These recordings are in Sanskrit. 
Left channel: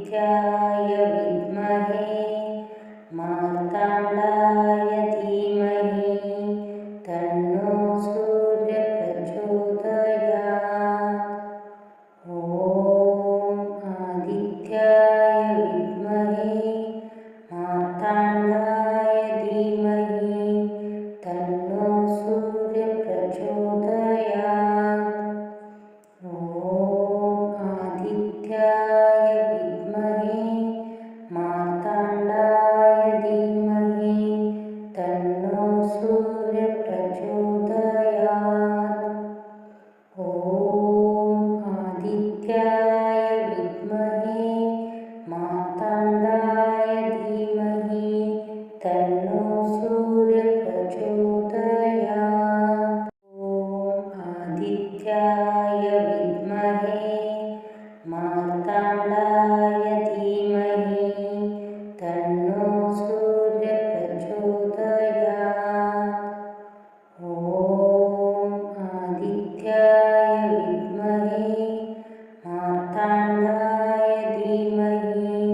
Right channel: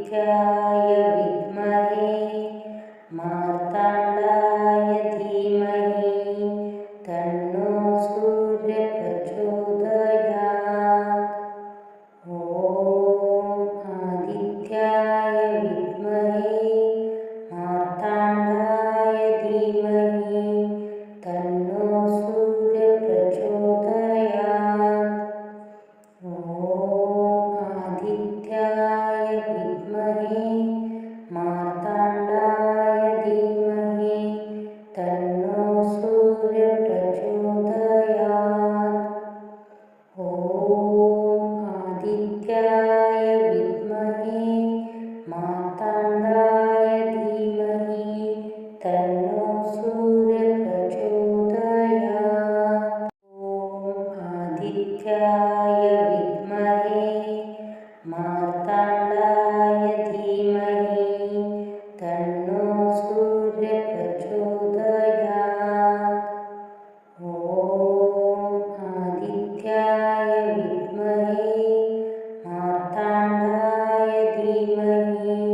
आदित्याय विद्महे मार्ताण्डाय धीमहि तन्नो सूर्यः प्रचोदयात्। ॐ आदित्याय विद्महे मार्ताण्डाय धीमहि तन्नो सूर्यः प्रचोदयात्। ॐ आदित्याय विद्महे मार्ताण्डाय धीमहि तन्नो सूर्यः प्रचोदयात्। ॐ आदित्याय विद्महे मार्ताण्डाय धीमहि तन्नो सूर्यः प्रचोदयात्। ॐ आदित्याय विद्महे मार्ताण्डाय धीमहि तन्नो सूर्यः प्रचोदयात्। ॐ आदित्याय विद्महे मार्ताण्डाय धीमहि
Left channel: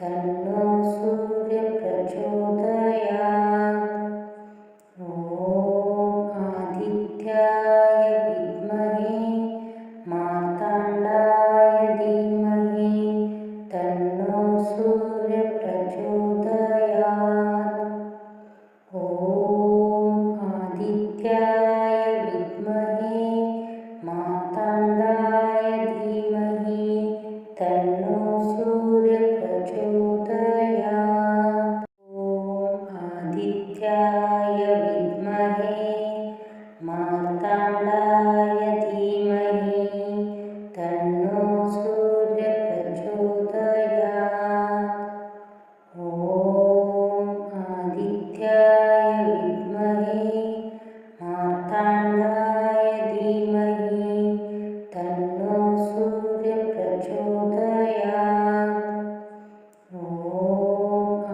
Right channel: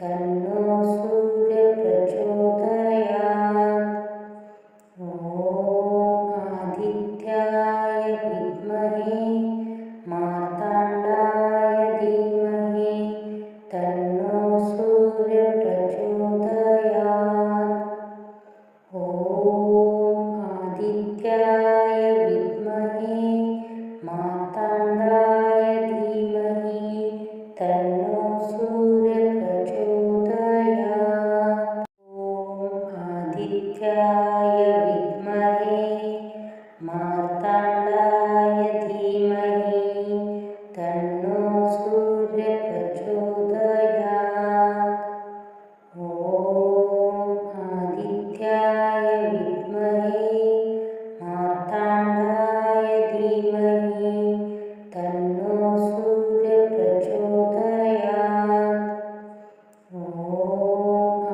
तन्नो सूर्यः प्रचोदयात्। ॐ आदित्याय विद्महे मार्ताण्डाय धीमहि तन्नो सूर्यः प्रचोदयात्। ॐ आदित्याय विद्महे मार्ताण्डाय धीमहि तन्नो सूर्यः प्रचोदयात्। ॐ आदित्याय विद्महे मार्ताण्डाय धीमहि तन्नो सूर्यः प्रचोदयात्। ॐ आदित्याय विद्महे मार्ताण्डाय धीमहि तन्नो सूर्यः प्रचोदयात्। ॐ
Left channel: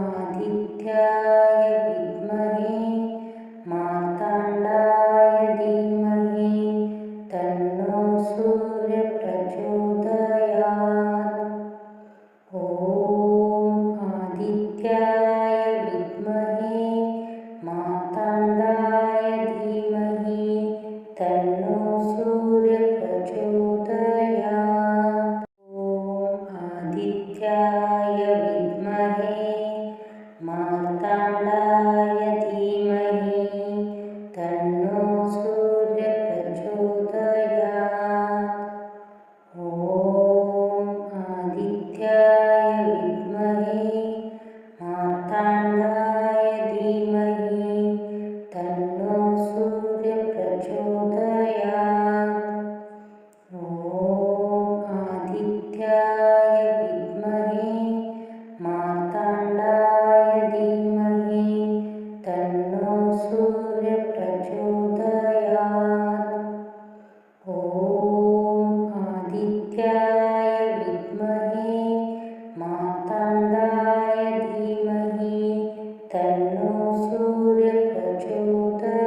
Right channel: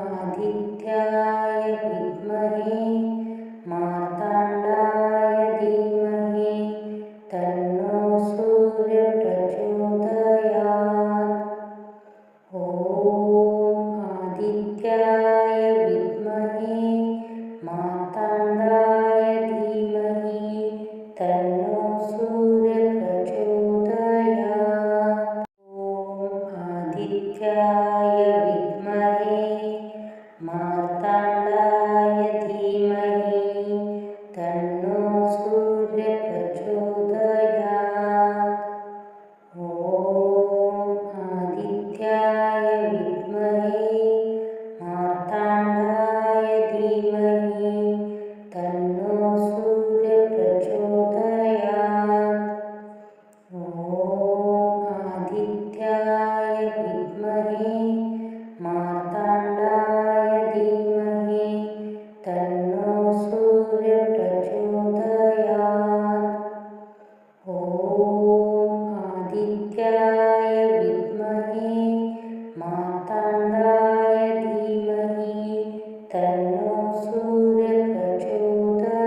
आदित्याय विद्महे मार्ताण्डाय धीमहि तन्नो सूर्यः प्रचोदयात्। ॐ आदित्याय विद्महे मार्ताण्डाय धीमहि तन्नो सूर्यः प्रचोदयात्। ॐ आदित्याय विद्महे मार्ताण्डाय धीमहि तन्नो सूर्यः प्रचोदयात्। ॐ आदित्याय विद्महे मार्ताण्डाय धीमहि तन्नो सूर्यः प्रचोदयात्। ॐ आदित्याय विद्महे मार्ताण्डाय धीमहि तन्नो सूर्यः प्रचोदयात्। ॐ आदित्याय विद्महे मार्ताण्डाय धीमहि तन्नो सूर्यः प्रचोदयात्।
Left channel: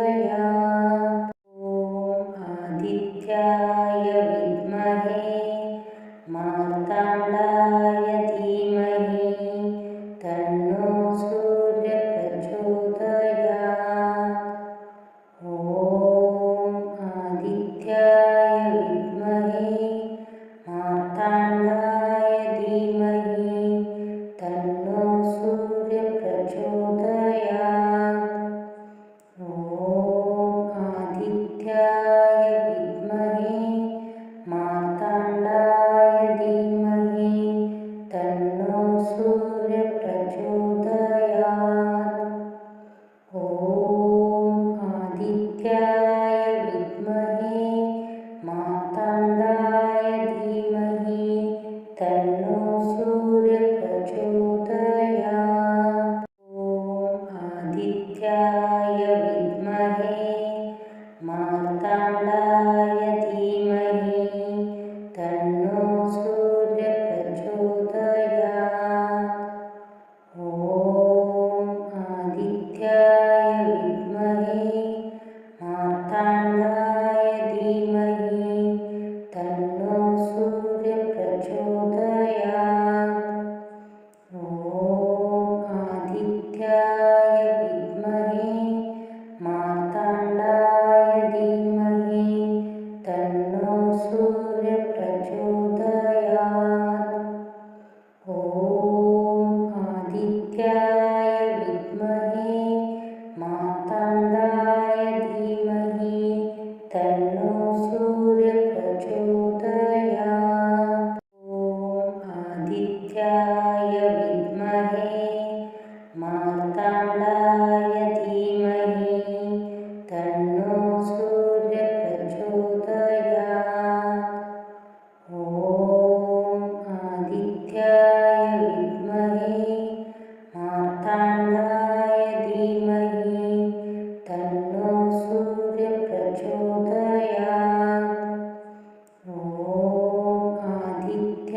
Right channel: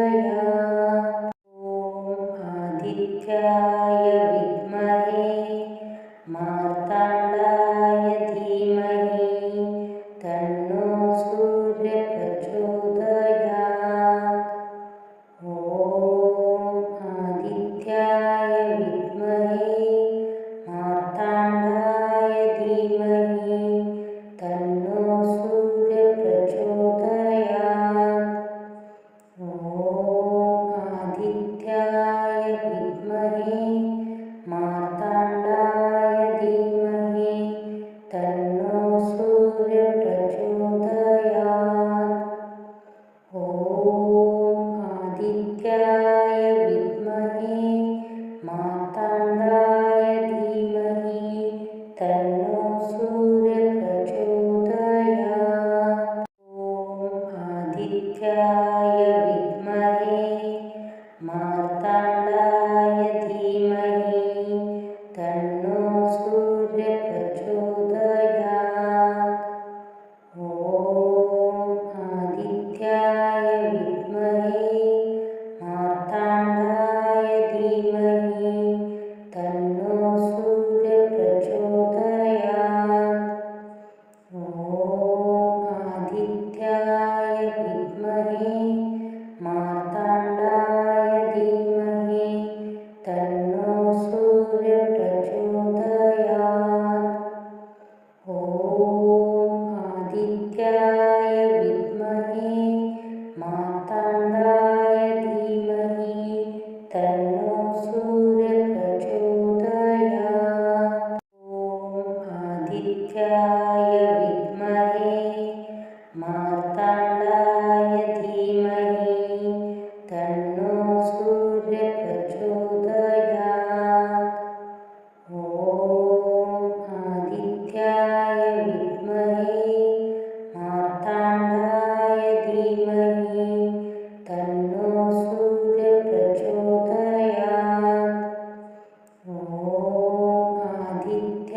ॐ आदित्याय विद्महे मार्ताण्डाय धीमहि तन्नो सूर्यः प्रचोदयात्। ॐ आदित्याय विद्महे मार्ताण्डाय धीमहि तन्नो सूर्यः प्रचोदयात्। ॐ आदित्याय विद्महे मार्ताण्डाय धीमहि तन्नो सूर्यः प्रचोदयात्। ॐ आदित्याय विद्महे मार्ताण्डाय धीमहि तन्नो सूर्यः प्रचोदयात्। ॐ आदित्याय विद्महे मार्ताण्डाय धीमहि तन्नो सूर्यः प्रचोदयात्। ॐ आदित्याय विद्महे मार्ताण्डाय धीमहि तन्नो सूर्यः प्रचोदयात्।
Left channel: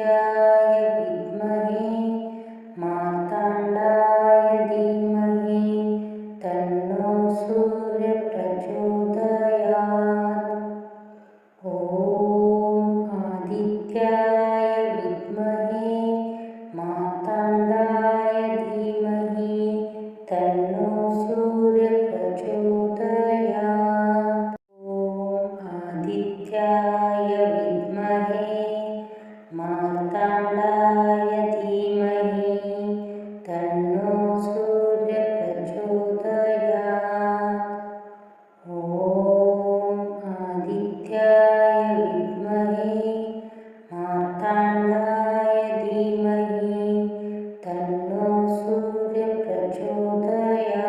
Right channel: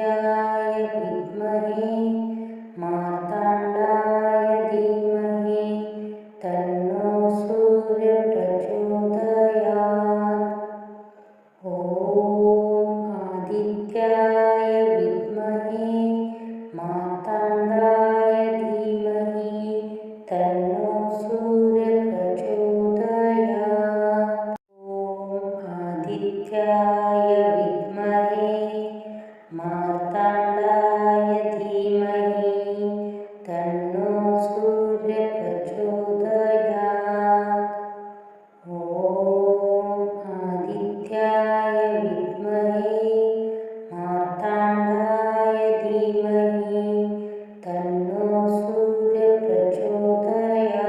आदित्याय विद्महे मार्ताण्डाय धीमहि तन्नो सूर्यः प्रचोदयात्। ॐ आदित्याय विद्महे मार्ताण्डाय धीमहि तन्नो सूर्यः प्रचोदयात्। ॐ आदित्याय विद्महे मार्ताण्डाय धीमहि तन्नो सूर्यः प्रचोदयात्। ॐ आदित्याय विद्महे मार्ताण्डाय धीमहि तन्नो सूर्यः प्रचोदयात्।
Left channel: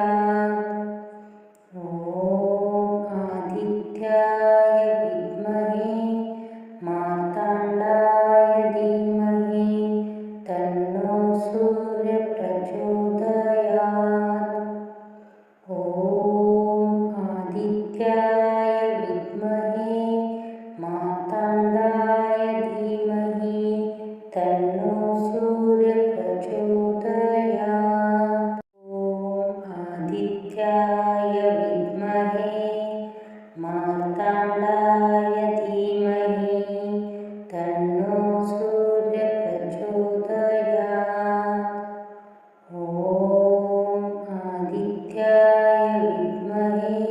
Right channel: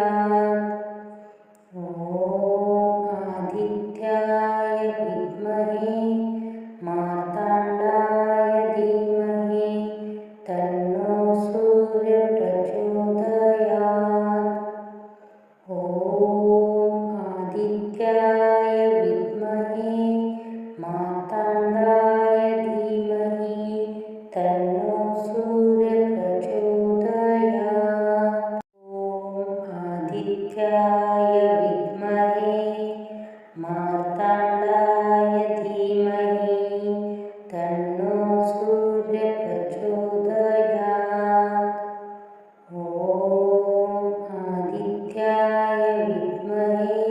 ॐ आदित्याय विद्महे मार्ताण्डाय धीमहि तन्नो सूर्यः प्रचोदयात्। ॐ आदित्याय विद्महे मार्ताण्डाय धीमहि तन्नो सूर्यः प्रचोदयात्। ॐ आदित्याय विद्महे मार्ताण्डाय धीमहि तन्नो सूर्यः प्रचोदयात्। ॐ आदित्याय विद्महे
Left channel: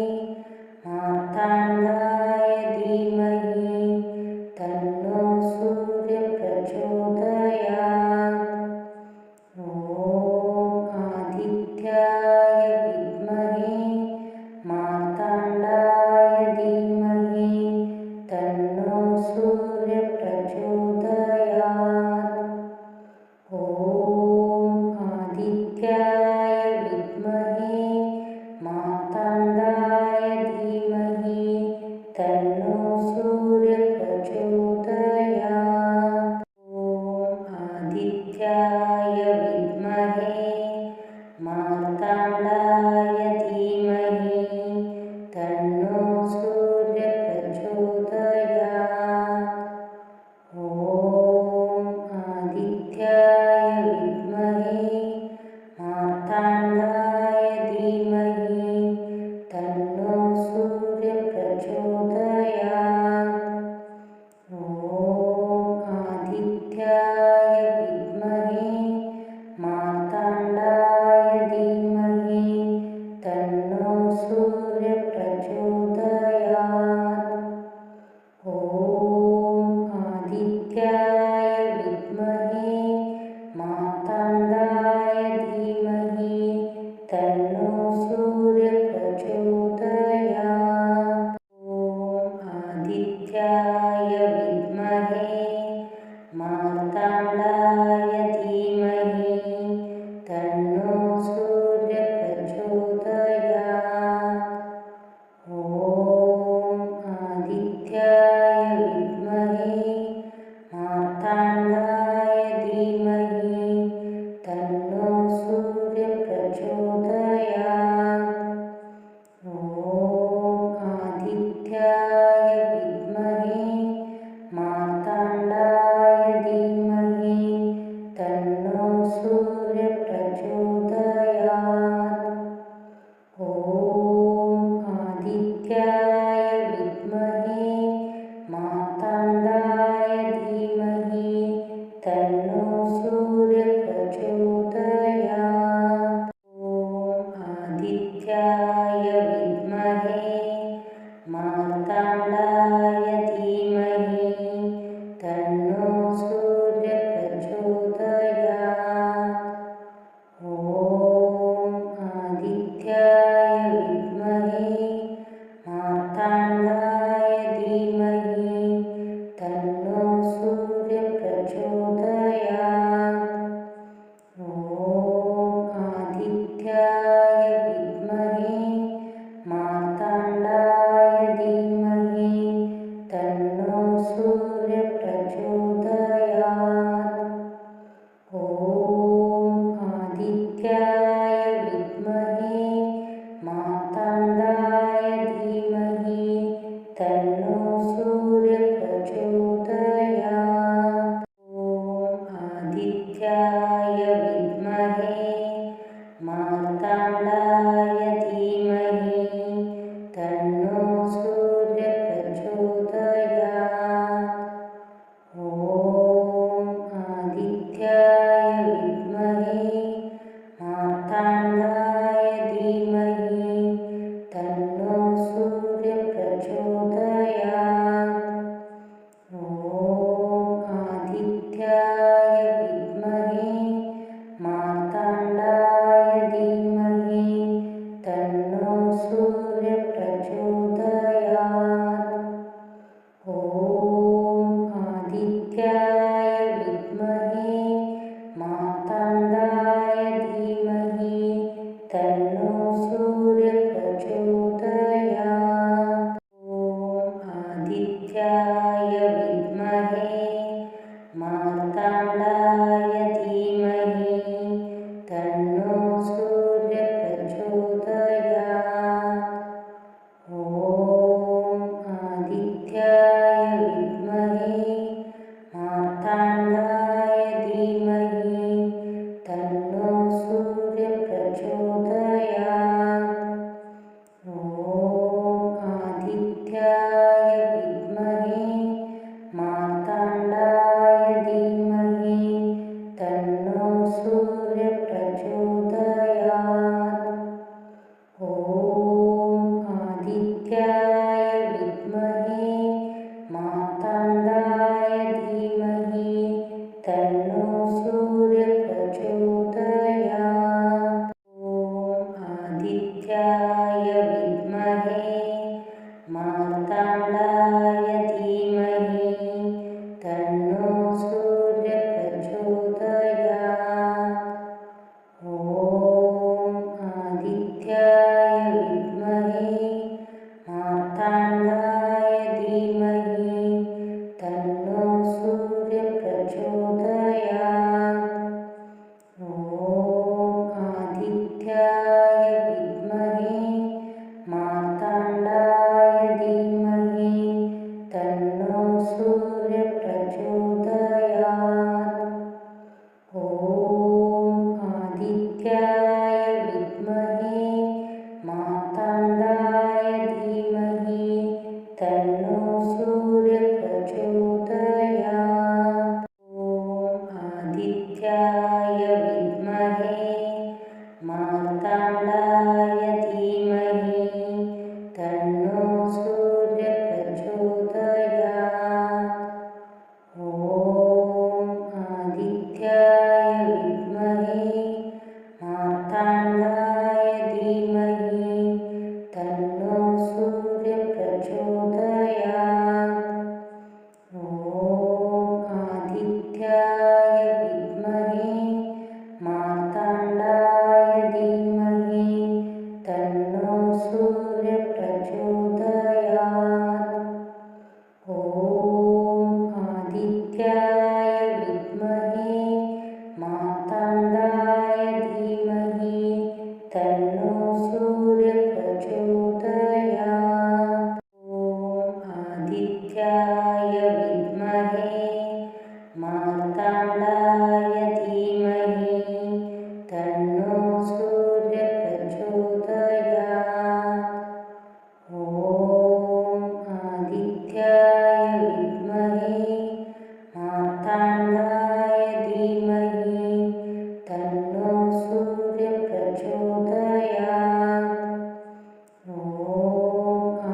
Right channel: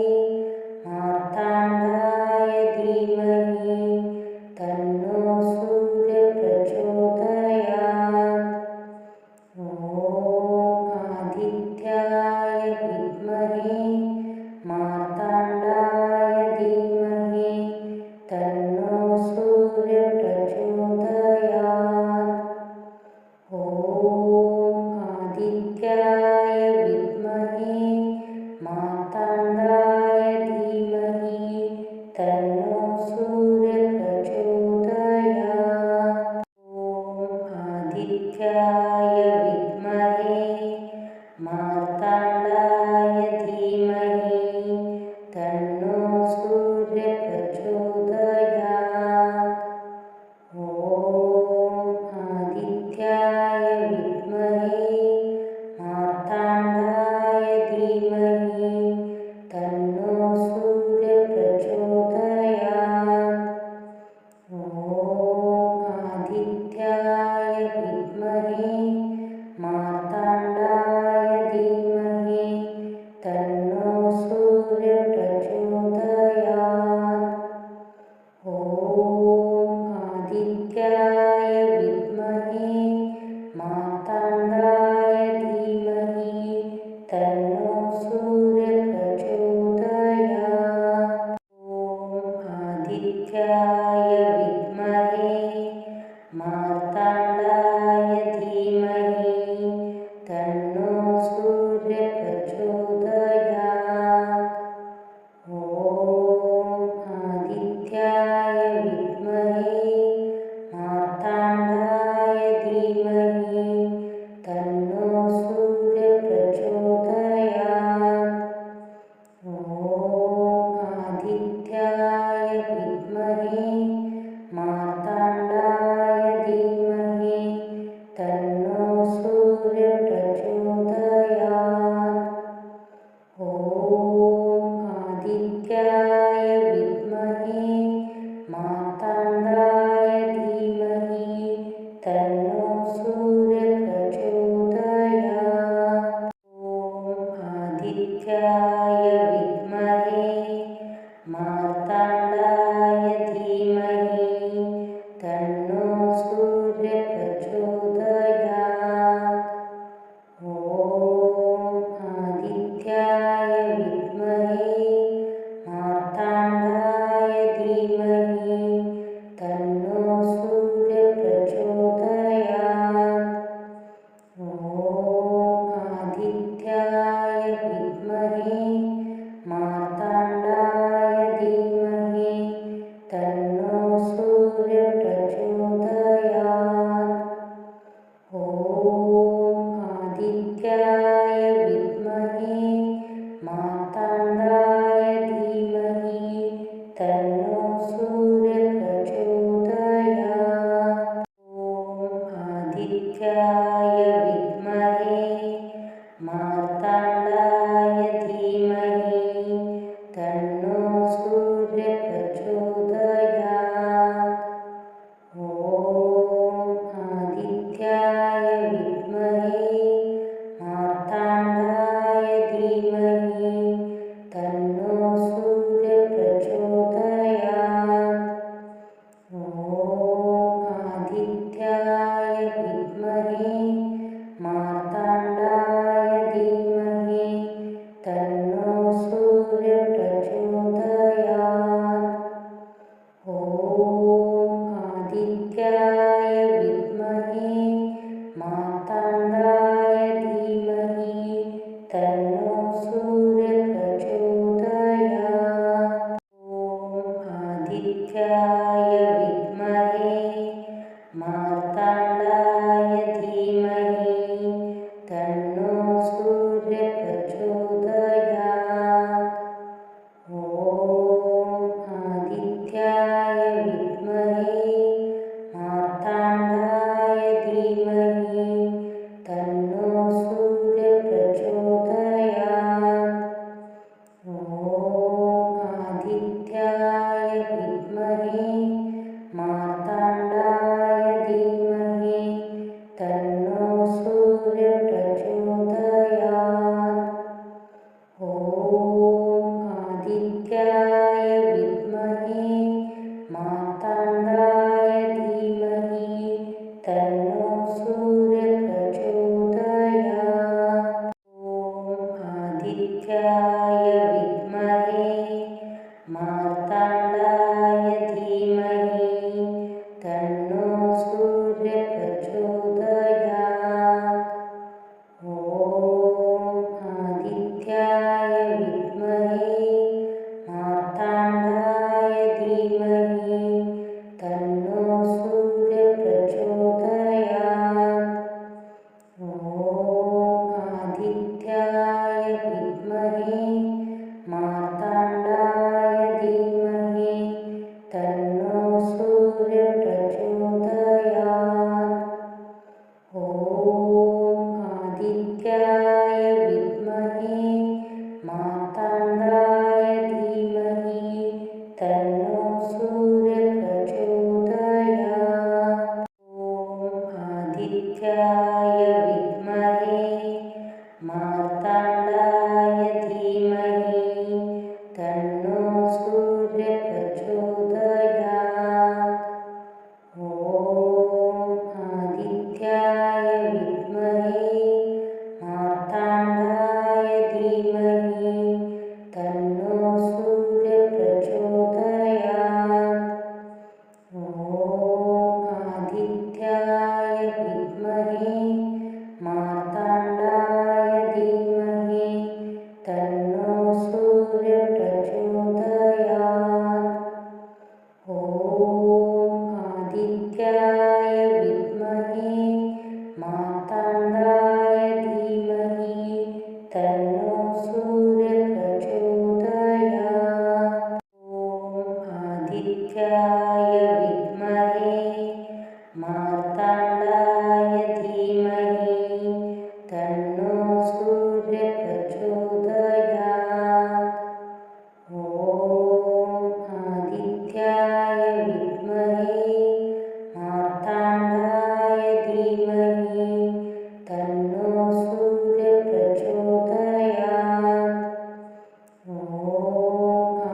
मार्ताण्डाय धीमहि तन्नो सूर्यः प्रचोदयात्। ॐ आदित्याय विद्महे मार्ताण्डाय धीमहि तन्नो सूर्यः प्रचोदयात्। ॐ आदित्याय विद्महे मार्ताण्डाय धीमहि तन्नो सूर्यः प्रचोदयात्। ॐ आदित्याय विद्महे मार्ताण्डाय धीमहि तन्नो सूर्यः प्रचोदयात्। ॐ आदित्याय विद्महे मार्ताण्डाय धीमहि तन्नो सूर्यः प्रचोदयात्। ॐ आदित्याय विद्महे मार्ताण्डाय धीमहि तन्नो सूर्यः प्रचोदयात्। ॐ आदित्याय विद्महे मार्ताण्डाय धीमहि तन्नो सूर्यः प्रचोदयात्। ॐ आदित्याय विद्महे मार्ताण्डाय धीमहि तन्नो सूर्यः प्रचोदयात्। ॐ आदित्याय विद्महे मार्ताण्डाय धीमहि तन्नो सूर्यः प्रचोदयात्। ॐ आदित्याय विद्महे मार्ताण्डाय धीमहि तन्नो सूर्यः प्रचोदयात्। ॐ आदित्याय विद्महे मार्ताण्डाय धीमहि तन्नो सूर्यः प्रचोदयात्। ॐ आदित्याय विद्महे मार्ताण्डाय धीमहि तन्नो सूर्यः प्रचोदयात्। ॐ आदित्याय विद्महे मार्ताण्डाय धीमहि तन्नो सूर्यः प्रचोदयात्। आदित्याय विद्महे मार्ताण्डाय धीमहि तन्नो सूर्यः प्रचोदयात्। ॐ आदित्याय विद्महे मार्ताण्डाय धीमहि तन्नो सूर्यः प्रचोदयात्। ॐ आदित्याय विद्महे मार्ताण्डाय धीमहि तन्नो सूर्यः प्रचोदयात्। ॐ आदित्याय विद्महे मार्ताण्डाय धीमहि तन्नो सूर्यः प्रचोदयात्। ॐ आदित्याय विद्महे मार्ताण्डाय धीमहि तन्नो सूर्यः प्रचोदयात्। ॐ आदित्याय विद्महे मार्ताण्डाय धीमहि तन्नो सूर्यः प्रचोदयात्। ॐ आदित्याय विद्महे मार्ताण्डाय धीमहि तन्नो सूर्यः प्रचोदयात्। ॐ आदित्याय विद्महे मार्ताण्डाय धीमहि तन्नो सूर्यः प्रचोदयात्। ॐ आदित्याय विद्महे मार्ताण्डाय धीमहि तन्नो सूर्यः प्रचोदयात्। ॐ आदित्याय विद्महे मार्ताण्डाय धीमहि तन्नो सूर्यः प्रचोदयात्। ॐ आदित्याय विद्महे मार्ताण्डाय धीमहि तन्नो सूर्यः प्रचोदयात्। ॐ आदित्याय विद्महे मार्ताण्डाय धीमहि तन्नो सूर्यः प्रचोदयात्। ॐ आदित्याय विद्महे मार्ताण्डाय धीमहि तन्नो सूर्यः प्रचोदयात्। ॐ आदित्याय विद्महे मार्ताण्डाय धीमहि तन्नो सूर्यः प्रचोदयात्। ॐ आदित्याय विद्महे मार्ताण्डाय धीमहि तन्नो सूर्यः प्रचोदयात्। ॐ आदित्याय विद्महे मार्ताण्डाय धीमहि तन्नो सूर्यः प्रचोदयात्। ॐ आदित्याय विद्महे मार्ताण्डाय धीमहि तन्नो सूर्यः प्रचोदयात्। ॐ आदित्याय विद्महे मार्ताण्डाय धीमहि तन्नो सूर्यः प्रचोदयात्। ॐ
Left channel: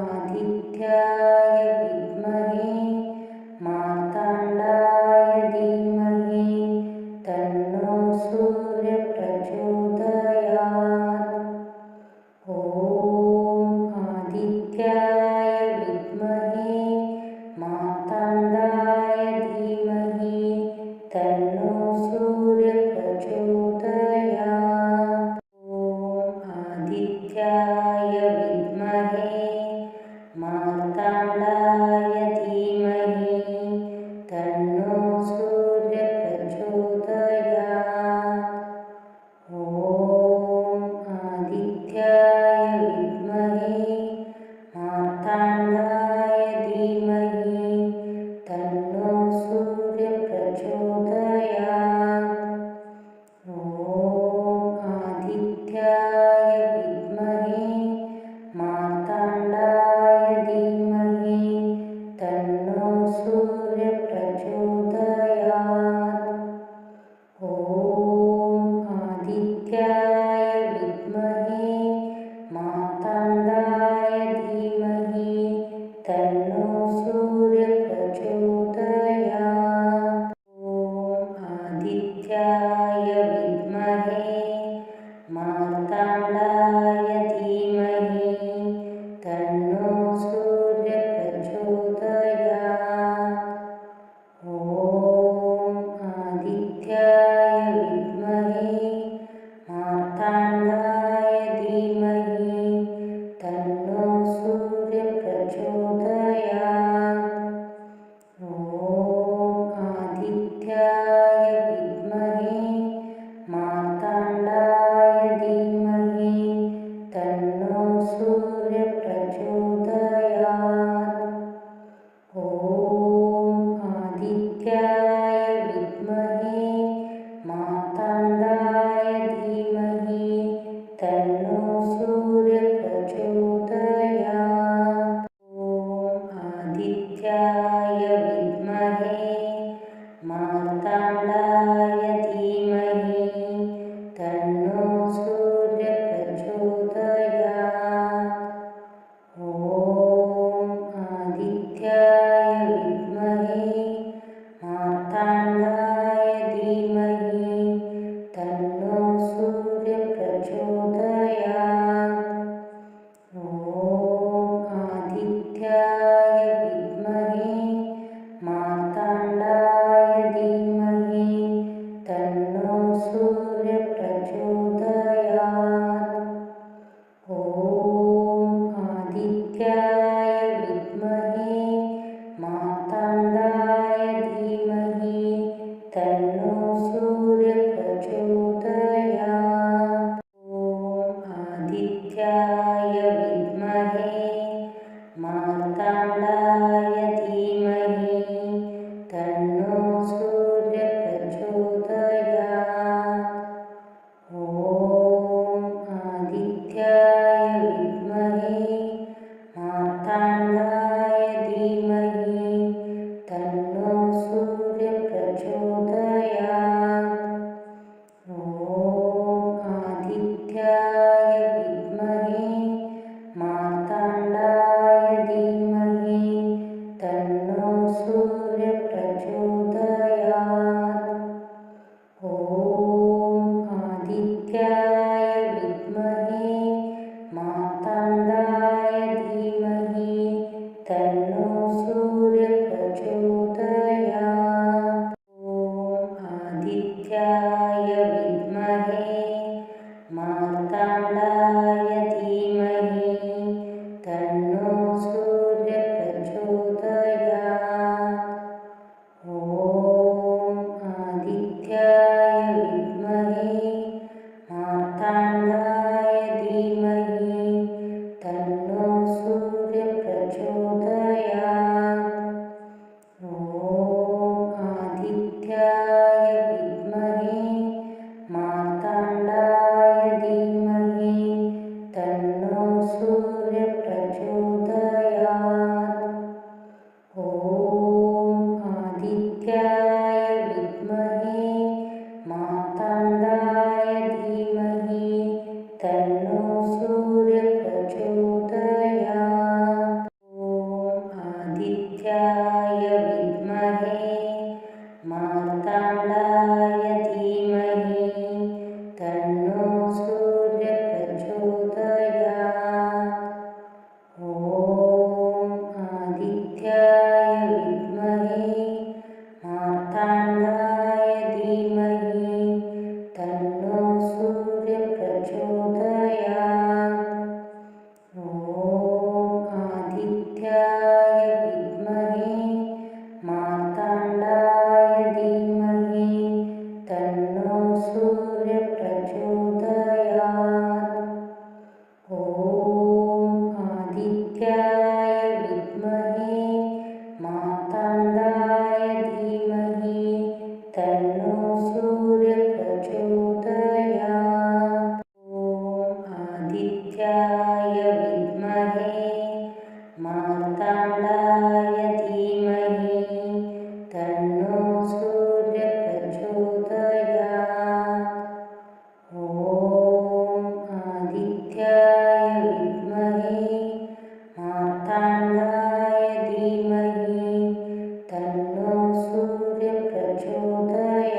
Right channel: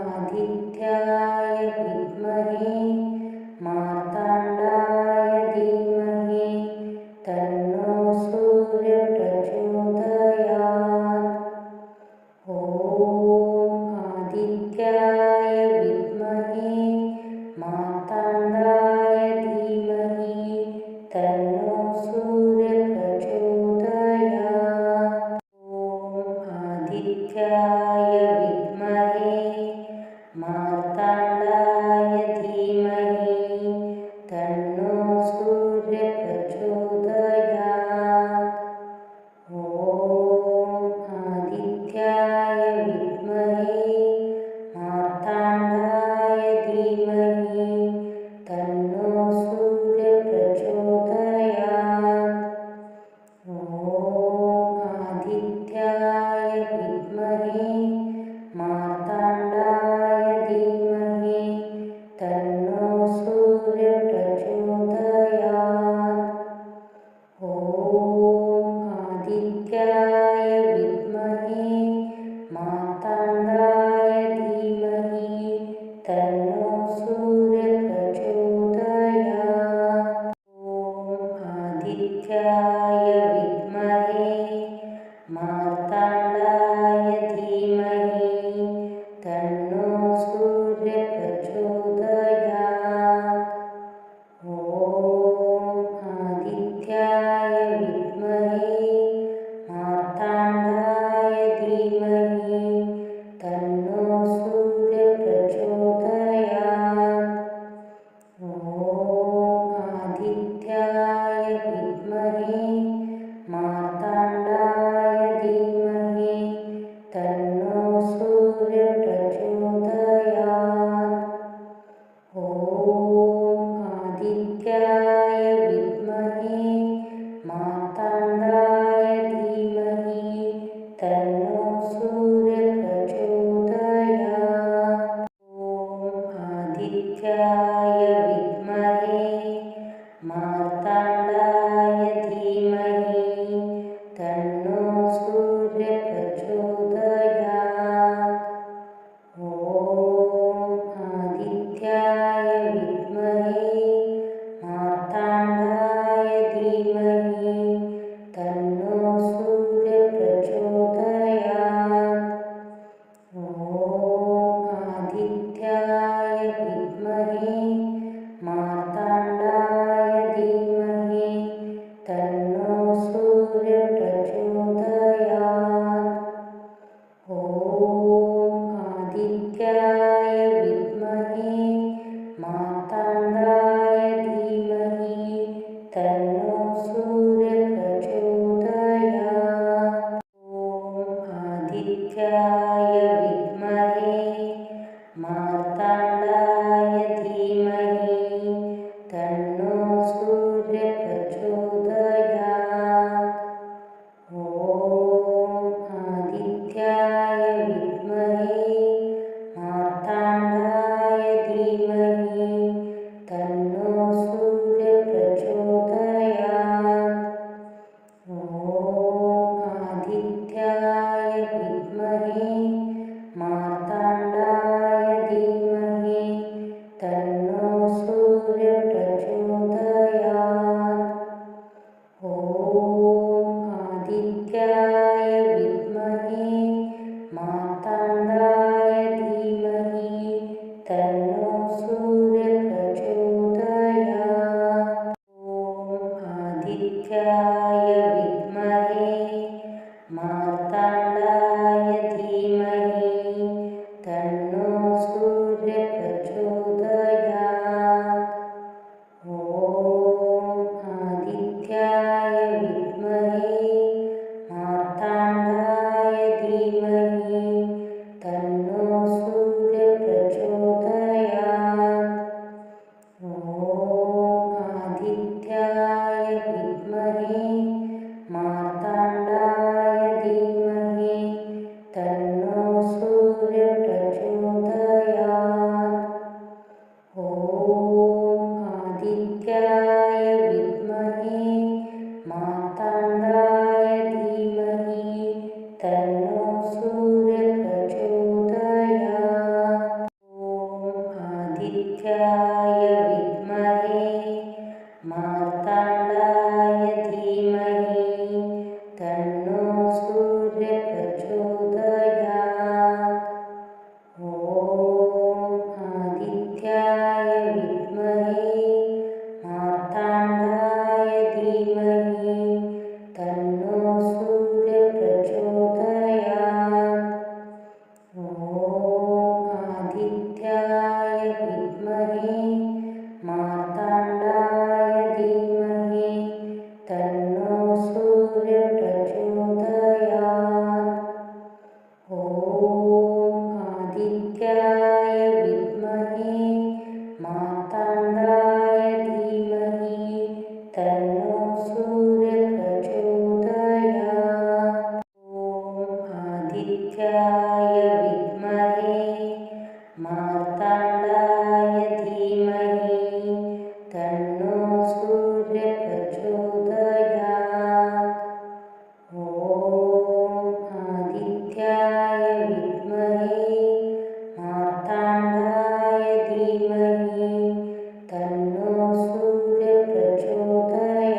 आदित्याय विद्महे मार्ताण्डाय धीमहि तन्नो सूर्यः प्रचोदयात्। ॐ आदित्याय विद्महे मार्ताण्डाय धीमहि तन्नो सूर्यः प्रचोदयात्। ॐ आदित्याय विद्महे मार्ताण्डाय धीमहि तन्नो सूर्यः प्रचोदयात्। ॐ आदित्याय विद्महे मार्ताण्डाय धीमहि तन्नो सूर्यः प्रचोदयात्। आदित्याय विद्महे मार्ताण्डाय धीमहि तन्नो सूर्यः प्रचोदयात्। ॐ आदित्याय विद्महे मार्ताण्डाय धीमहि तन्नो सूर्यः प्रचोदयात्। ॐ आदित्याय विद्महे मार्ताण्डाय धीमहि तन्नो सूर्यः प्रचोदयात्। ॐ आदित्याय विद्महे मार्ताण्डाय धीमहि तन्नो सूर्यः प्रचोदयात्। ॐ आदित्याय विद्महे मार्ताण्डाय धीमहि तन्नो सूर्यः प्रचोदयात्। ॐ आदित्याय विद्महे मार्ताण्डाय धीमहि तन्नो सूर्यः प्रचोदयात्। ॐ आदित्याय विद्महे मार्ताण्डाय धीमहि तन्नो सूर्यः प्रचोदयात्। ॐ आदित्याय विद्महे मार्ताण्डाय धीमहि तन्नो सूर्यः प्रचोदयात्। ॐ आदित्याय विद्महे मार्ताण्डाय धीमहि तन्नो सूर्यः प्रचोदयात्। ॐ आदित्याय विद्महे मार्ताण्डाय धीमहि तन्नो सूर्यः प्रचोदयात्। ॐ आदित्याय विद्महे मार्ताण्डाय धीमहि तन्नो सूर्यः प्रचोदयात्। ॐ आदित्याय विद्महे मार्ताण्डाय धीमहि तन्नो सूर्यः प्रचोदयात्। ॐ आदित्याय विद्महे मार्ताण्डाय धीमहि तन्नो सूर्यः प्रचोदयात्। ॐ आदित्याय विद्महे मार्ताण्डाय धीमहि तन्नो सूर्यः प्रचोदयात्। ॐ आदित्याय विद्महे मार्ताण्डाय धीमहि तन्नो सूर्यः प्रचोदयात्। ॐ आदित्याय विद्महे मार्ताण्डाय धीमहि तन्नो सूर्यः प्रचोदयात्। ॐ आदित्याय विद्महे मार्ताण्डाय धीमहि तन्नो सूर्यः प्रचोदयात्। ॐ आदित्याय विद्महे मार्ताण्डाय धीमहि तन्नो सूर्यः प्रचोदयात्। ॐ आदित्याय विद्महे मार्ताण्डाय धीमहि तन्नो सूर्यः प्रचोदयात्। ॐ आदित्याय विद्महे मार्ताण्डाय धीमहि तन्नो सूर्यः प्रचोदयात्। ॐ आदित्याय विद्महे मार्ताण्डाय धीमहि तन्नो सूर्यः प्रचोदयात्। ॐ आदित्याय विद्महे मार्ताण्डाय धीमहि तन्नो सूर्यः प्रचोदयात्।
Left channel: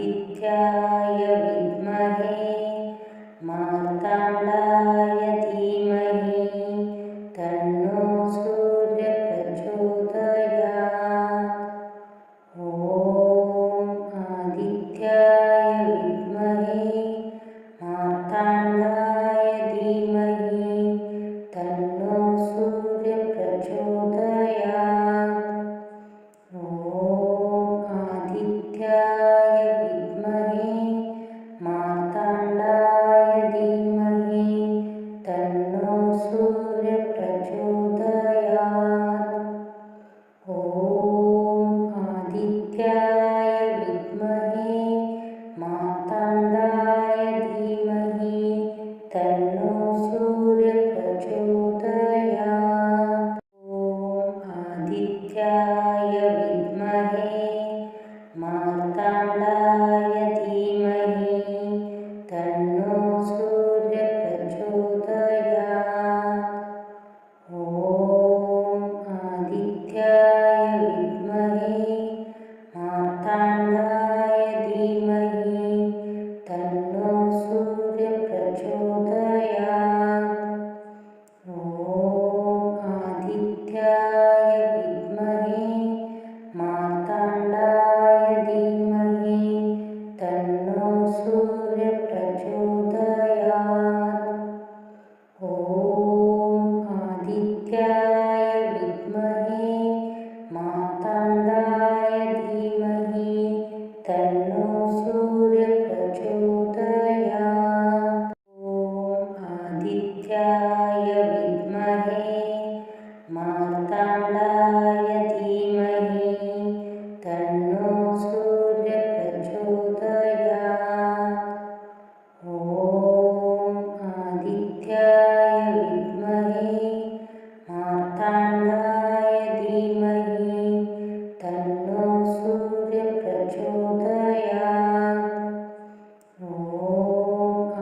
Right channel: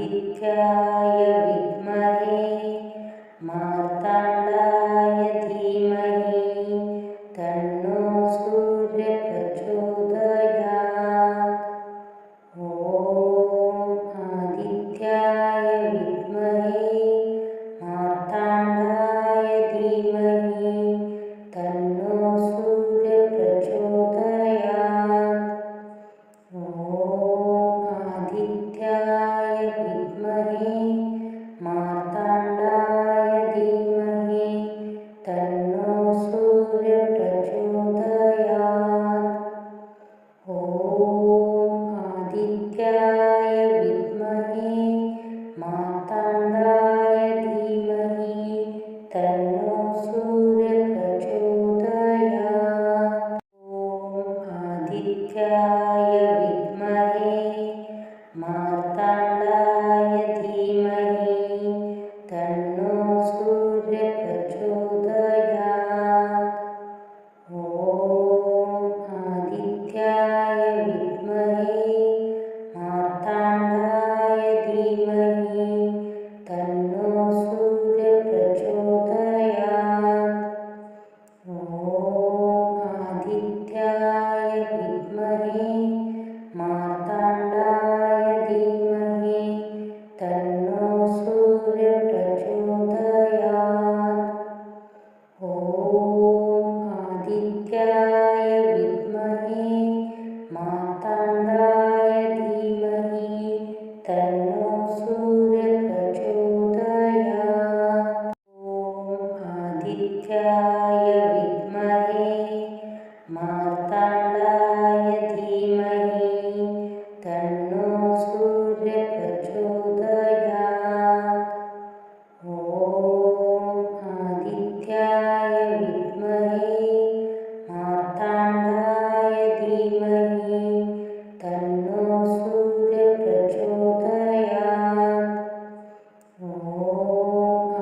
आदित्याय विद्महे मार्ताण्डाय धीमहि तन्नो सूर्यः प्रचोदयात्। ॐ आदित्याय विद्महे मार्ताण्डाय धीमहि तन्नो सूर्यः प्रचोदयात्। ॐ आदित्याय विद्महे मार्ताण्डाय धीमहि तन्नो सूर्यः प्रचोदयात्। ॐ आदित्याय विद्महे मार्ताण्डाय धीमहि तन्नो सूर्यः प्रचोदयात्। ॐ आदित्याय विद्महे मार्ताण्डाय धीमहि तन्नो सूर्यः प्रचोदयात्। ॐ आदित्याय विद्महे मार्ताण्डाय धीमहि तन्नो सूर्यः प्रचोदयात्। ॐ आदित्याय विद्महे मार्ताण्डाय धीमहि तन्नो सूर्यः प्रचोदयात्। ॐ आदित्याय विद्महे मार्ताण्डाय धीमहि तन्नो सूर्यः प्रचोदयात्। ॐ आदित्याय विद्महे मार्ताण्डाय धीमहि तन्नो सूर्यः प्रचोदयात्। ॐ आदित्याय विद्महे मार्ताण्डाय धीमहि तन्नो सूर्यः प्रचोदयात्। ॐ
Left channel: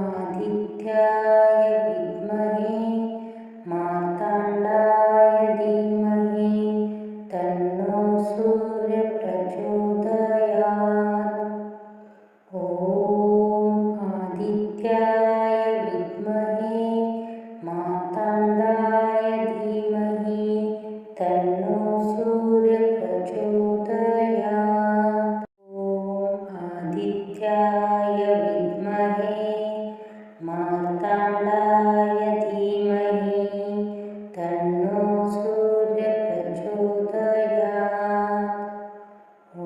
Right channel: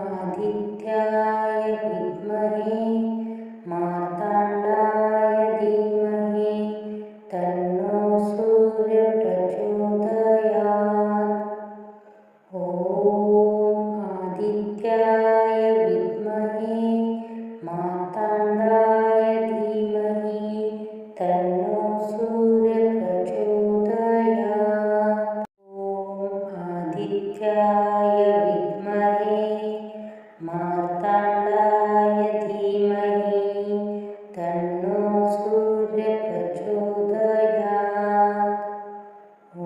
आदित्याय विद्महे मार्ताण्डाय धीमहि तन्नो सूर्यः प्रचोदयात्। ॐ आदित्याय विद्महे मार्ताण्डाय धीमहि तन्नो सूर्यः प्रचोदयात्। ॐ आदित्याय विद्महे मार्ताण्डाय धीमहि तन्नो सूर्यः प्रचोदयात्। ॐ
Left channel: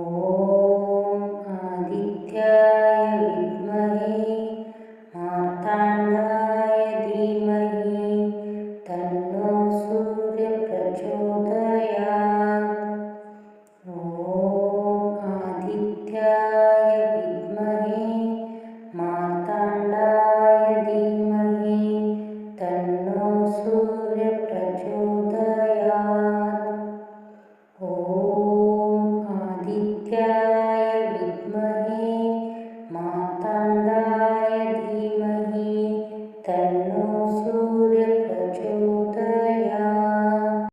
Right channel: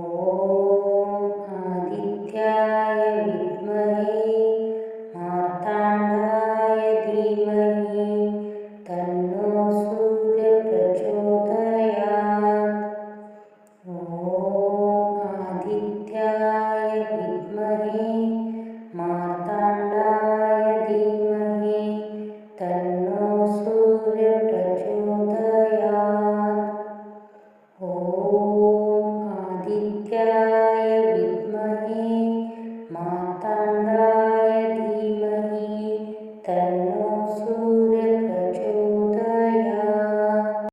आदित्याय विद्महे मार्ताण्डाय धीमहि तन्नो सूर्यः प्रचोदयात्। ॐ आदित्याय विद्महे मार्ताण्डाय धीमहि तन्नो सूर्यः प्रचोदयात्। ॐ आदित्याय विद्महे